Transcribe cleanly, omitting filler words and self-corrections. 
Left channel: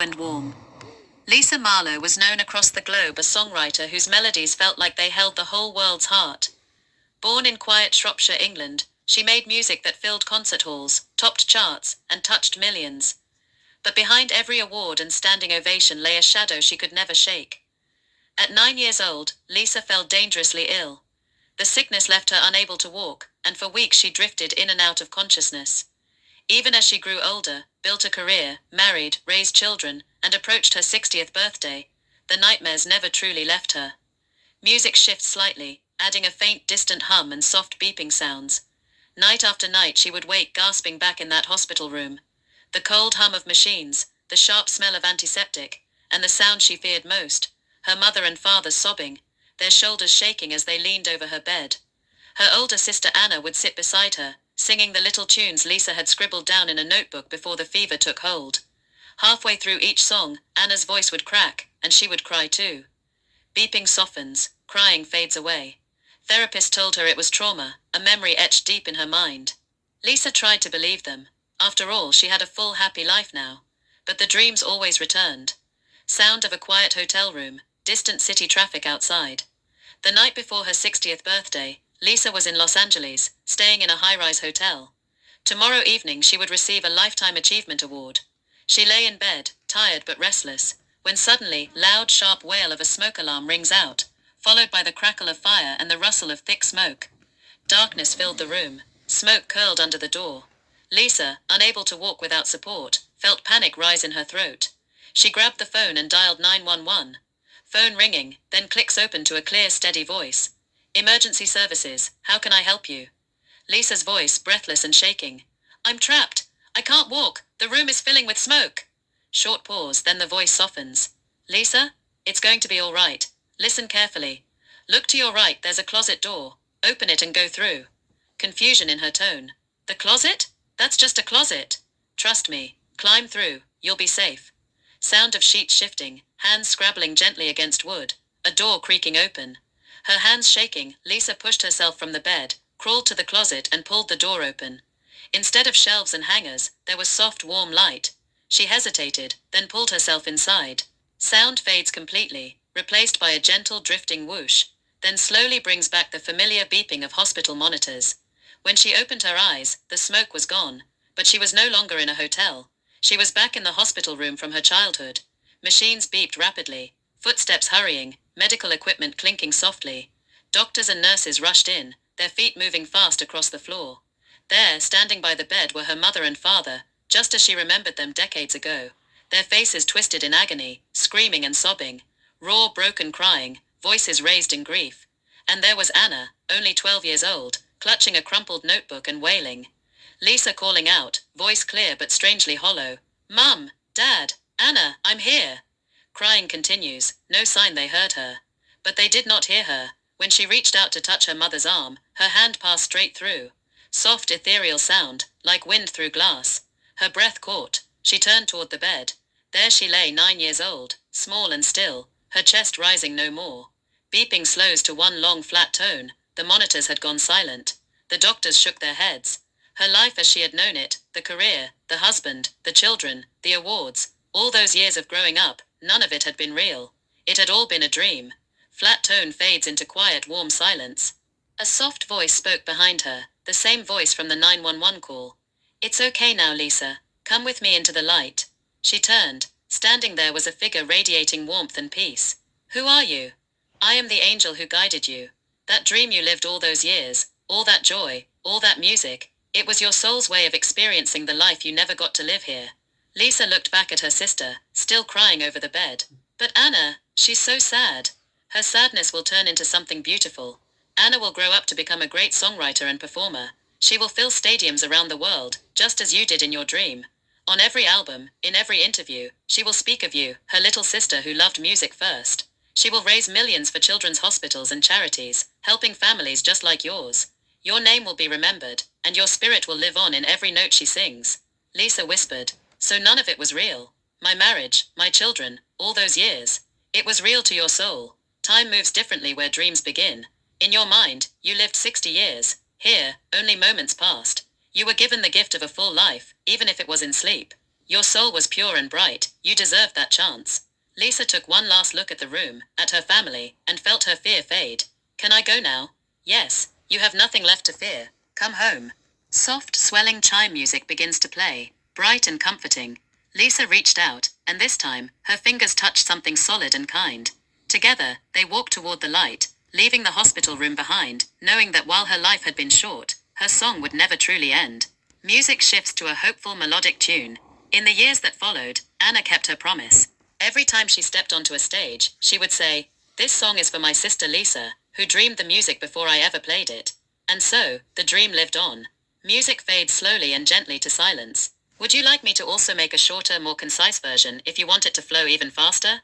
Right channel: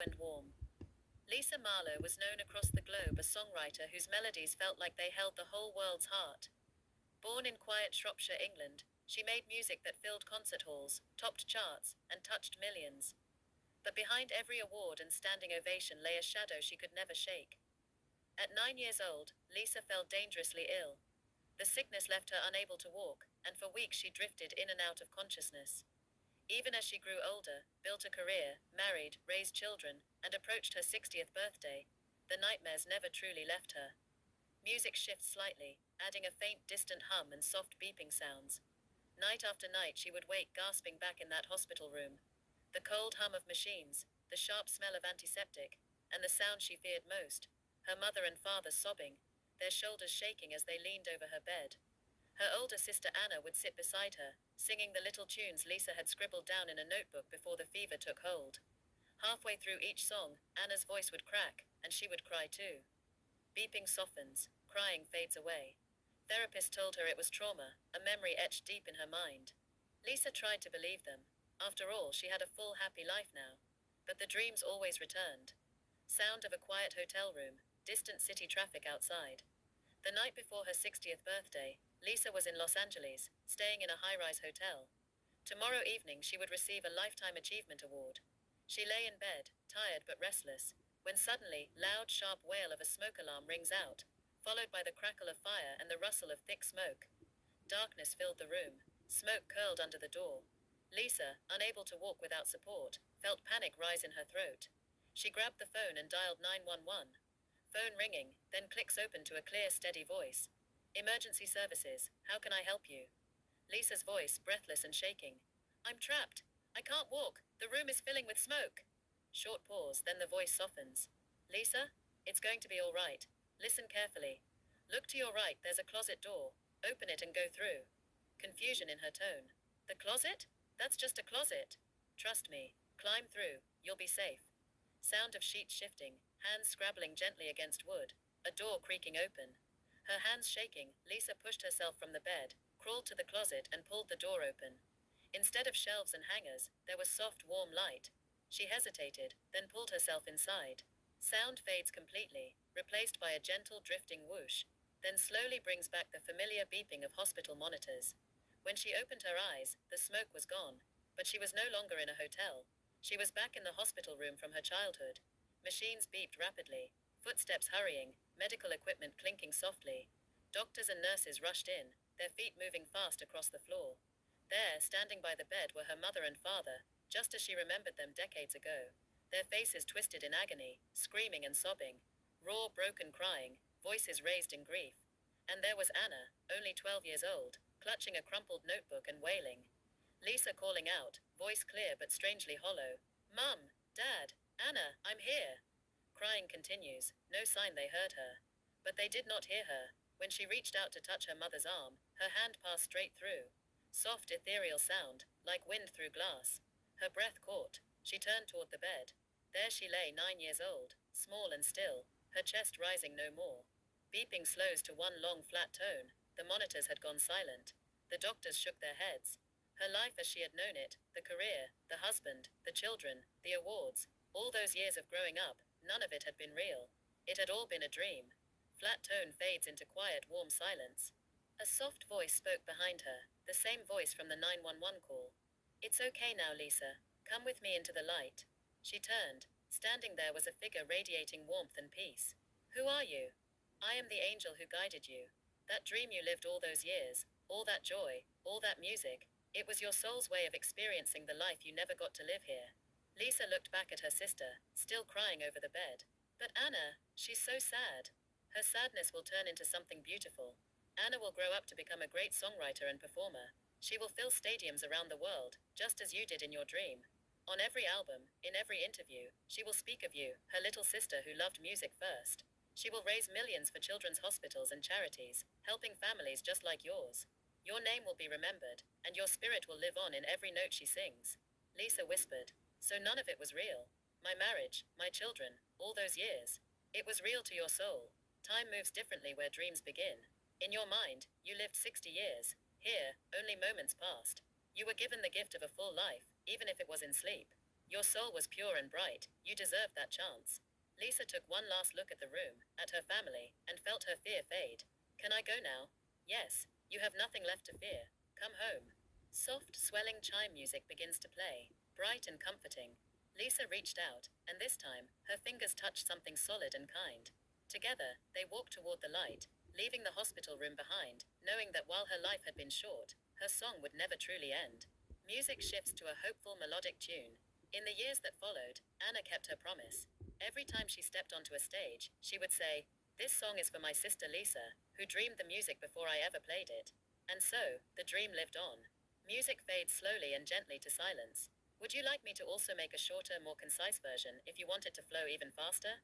and warm. Lisa Marlowe was known across the globe as a songwriter whose melodies felt like they held the whole world's heart. Born in quiet Shropshire, England, she made music that filled concert halls, topped charts, and touched millions. But behind every award and standing ovation lay a shadow she could never shake. At 9 years old, Lisa fell dangerously ill. The sickness left her unable to walk, and for weeks she drifted in and out of consciousness. Even as she grew older, built a career, married, raised children, and approached her 60th birthday, the nightmares never truly left her. Music shifts slightly, adding a faint distant hum and soft beeping sounds. Night after night she would wake gasping back in that hospital room. The cold hum of machines, the sharp smell of antiseptic, and the sound she feared most, her mother and father sobbing, their shoulders shaking as they leaned over her bed. Her older sister Anna would sit beside her, singing the little tunes Lisa had scribbled down in a notebook before the fever took hold. Halfway through each song, Anna's voice would crack, and she would cry too. Beeping softens, crying fades away. Therapist told her it was trauma, a memory etched deep in her mind. Lisa tried to believe them. After all, she had a full, happy life now. But the dreams always returned. Sound of a quiet hotel room, distant city traffic outside. The night before her 60th birthday, Lisa was in Los Angeles, staying in a high-rise hotel. Tomorrow evening she would receive a Lifetime Achievement Award. She lay in bed, tired but restless, when suddenly, loud, sharp wail of a smoke alarm rings out, followed by the crackle of fire and the rustle of thick smoke. Darkness filled the room. Smoke curled under the door. Lisa, unable to walk without support, felt panic rise in her throat. She grabbed the phone and dialed 911. Phone ringing, then clicks open to a clear, steady voice. "Emergency services, how can I help you?" Lisa's voice, breathless and shaking. "I'm trapped. I can't walk. The room is filling with smoke." Short pause, then the voice softens. "Lisa, it's going to be all right. Listen carefully. Look to your right, there's a closet door. Open it and go through." Confusion in her tone. "The closet? That's just a closet." "Trust me. Climb through. You'll be safe." Sound of sheets shifting, hands scrabbling gently against wood. A door creaking open. Her hands shaking, Lisa pushed herself from the bed, crawled to the closet and pulled the door open. Instead of shelves and hangers, there was soft, warm light. She hesitated, then pulled herself inside. Sound fades completely, replaced by a gentle drifting whoosh, then slowly brings back the familiar beeping of hospital monitors. When she opened her eyes, the smoke was gone, but she was no longer in a hotel. She was back in the hospital room from her childhood. Machines beeped rapidly, footsteps hurrying, medical equipment clinking softly. Doctors and nurses rushed in, their feet moving fast across the floor. There, standing by the bed, were her mother and father, just as she remembered them decades ago. Their faces twisted in agony, screaming and sobbing. Raw, broken crying, voices raised in grief. And there was Anna, only 12 years old, clutching a crumpled notebook and wailing. Lisa calling out, voice clear but strangely hollow. "Mum! Dad! Anna, I'm here!" Crying continues, no sign they heard her. But they did not hear her. When she reached out to touch her mother's arm, her hand passed straight through. Soft, ethereal sound, like wind through glass. Her breath caught. She turned toward the bed. There she lay, 9 years old, small and still, her chest rising no more. Beeping slows to one long flat tone. The monitors had gone silent. The doctors shook their heads. Her life as she had known it, the career, the husband, the children, the awards, all those years of growing up, none of it had been real. It had all been a dream. Flat tone fades into quiet, warm silence. A soft voice spoke behind her, the same voice from the 911 call. "It's okay now, Lisa. Come with me into the light." She turned. Standing there was a figure radiating warmth and peace. "Who are you?" "I am the angel who guided you. That dream you lived all those years, all that joy, all that music, it was your soul's way of experiencing the life you never got to live here." Lisa looked back at her sister, still crying over the bed. "But Anna, she's so sad." "Her sadness will turn into something beautiful. Anna will grow up to become a great songwriter and performer. She will fill stadiums around the world, just as you did in your dream. On every album, in every interview, she will speak of you, her little sister who loved music first. She will raise millions for children's hospitals and charities, helping families just like yours. Your name will be remembered, and your spirit will live on in every note she sings." Lisa whispered. "So none of it was real? My marriage, my children, all those years. It was real to your soul. Time moves differently where dreams begin. In your mind, you lived 60 years. Here, only moments passed. You were given the gift of a full life, even if it was in sleep." Your soul was pure and bright, you deserved that chance. Lisa took one last look at the room, at her family, and felt her fear fade. Can I go now? Yes, you have nothing left to fear. Come home. Soft, swelling chime music begins to play, bright and comforting. Lisa reached out, and this time, her fingers touched something solid and kind. Together, they walked toward the light, leaving the hospital room behind, knowing that while her life had been short, her song would never truly end. Music shifts to a hopeful melodic tune. In the years that followed, Anna kept her promise. Every time she stepped onto a stage, she would say, "This song is for my sister Lisa, who dreamed the music before I ever played it." And so, the dream lived on. Music fades slowly and gently to silence. Would you like me to also make a shorter, more concise version if you want it to flow even faster?